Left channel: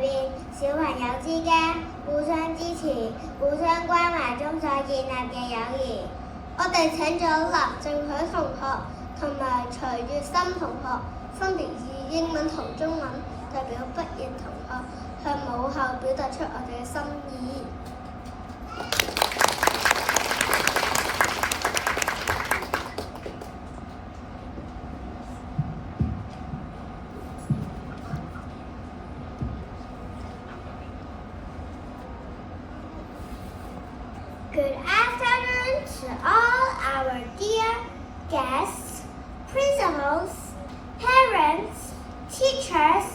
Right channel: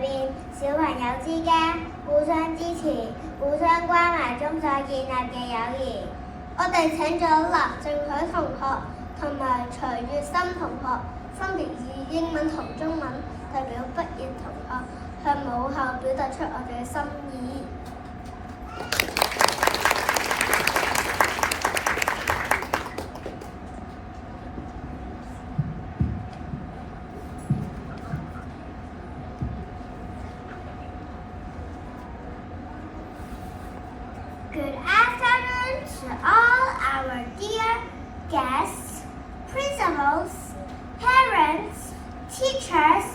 邊，小朋友之間互相支持、互相關懷中所建立嘅友誼。我哋請咗林正許同學同埋徐月心同學，分別以英文同中文代表畢業同學向母校表達出我哋嘅心意。Good afternoon to all our dear guests, principals, parents, teachers,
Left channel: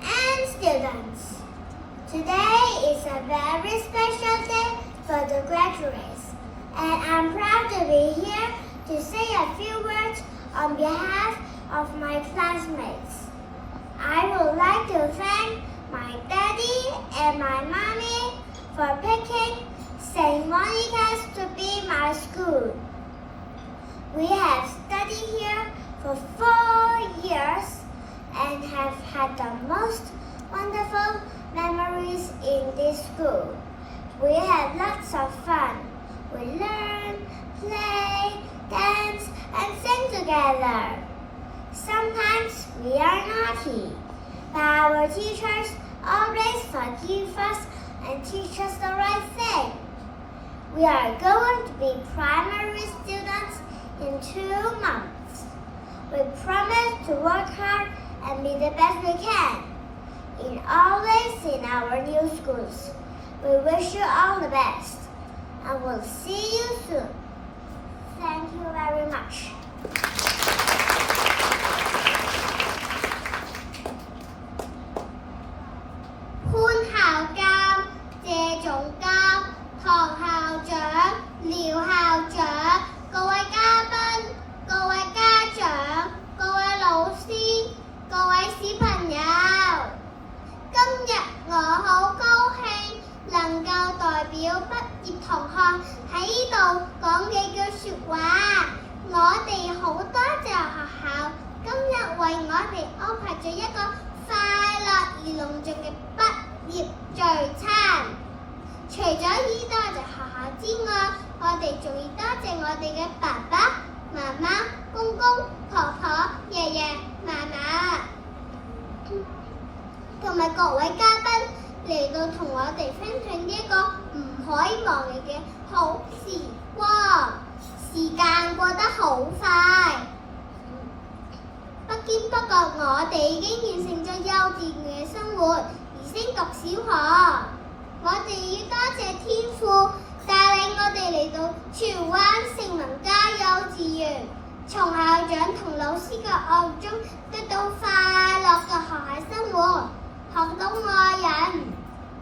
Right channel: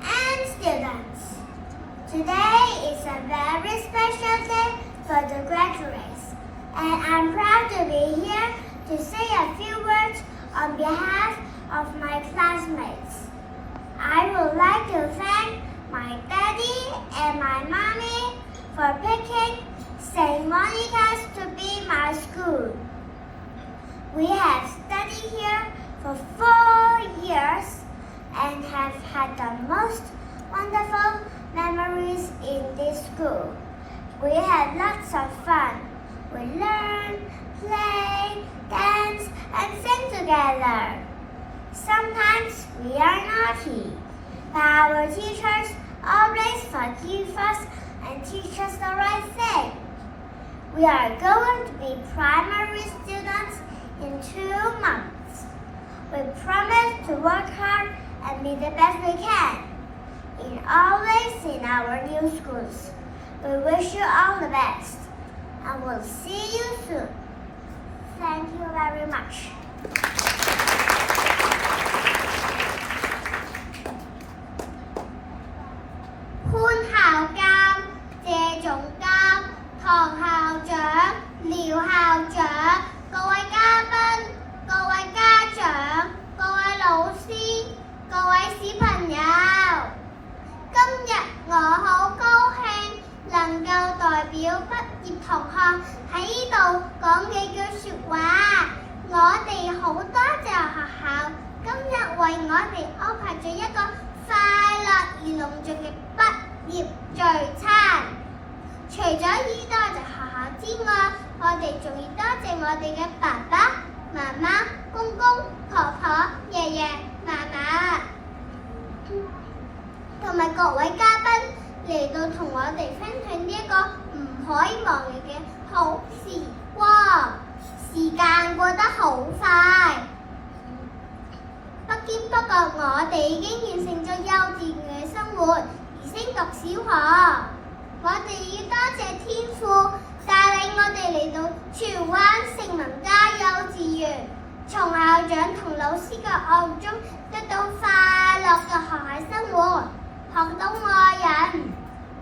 and students. Today is a very special day for the graduates, and I'm proud to be here to say a few words on behalf of my classmates. I would like to thank my daddy and my mommy for picking St. Monica's to be my school. We have studied here for 4 years and have had the most wonderful memories in this school. We had lots of fun. We learn, play, dance, and sing together. Sometimes we are naughty, but our teachers always forgive us and teach us the right thing. We are going to be primary students in 2 months. We promise to work hard and be the best we can in all ways in our new schools. We wish you all the best and we'll see you soon. Thank you very much. 潘校監、謝總監、唐校長、廖校長、各位嘉賓、各位家長、各位老師、各位小朋友，今日我好高興能夠代表畢業同學喺呢度講幾句説話。我哋好多謝學校今日為我哋安排咗一個快樂而隆重嘅畢業聚餐。除咗要多謝學校之外，我哋仲要多謝我哋嘅爸爸、媽媽、公公、婆婆、爺爺、嫲嫲，同埋各位嘉賓嚟到同我哋分享呢一個唔可以忘記嘅好時光。時間過得好快，不經不覺我哋已經完成咗幼稚園嘅生活，而升讀小學。我哋要多謝天父帶領我哋嚟到荃灣盛文家幼稚園，從校長同老師嘅愛中得到快樂嘅學校生活，學到愛人，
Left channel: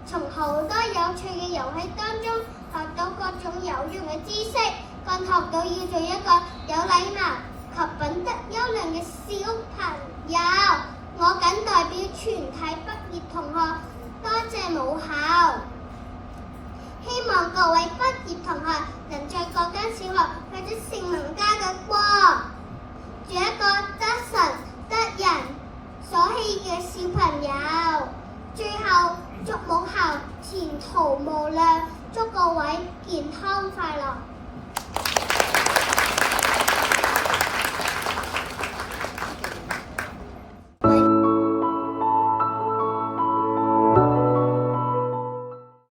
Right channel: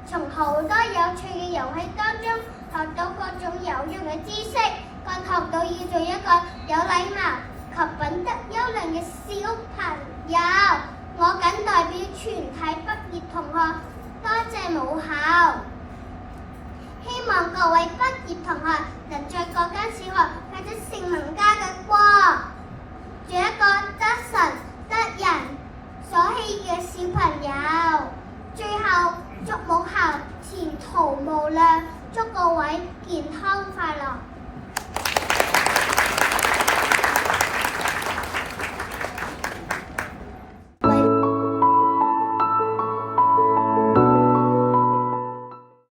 從好多有趣嘅遊戲當中學到各種有用嘅知識，更學到要做一個有禮貌及品德優良嘅小朋友。我謹代表全體畢業同學多謝母校，希望各位畢業同學能在各間小學發出盛文家嘅光，做一個得神得人所喜嘅小朋友。最後祝母校前途無量，祝各位健康快樂。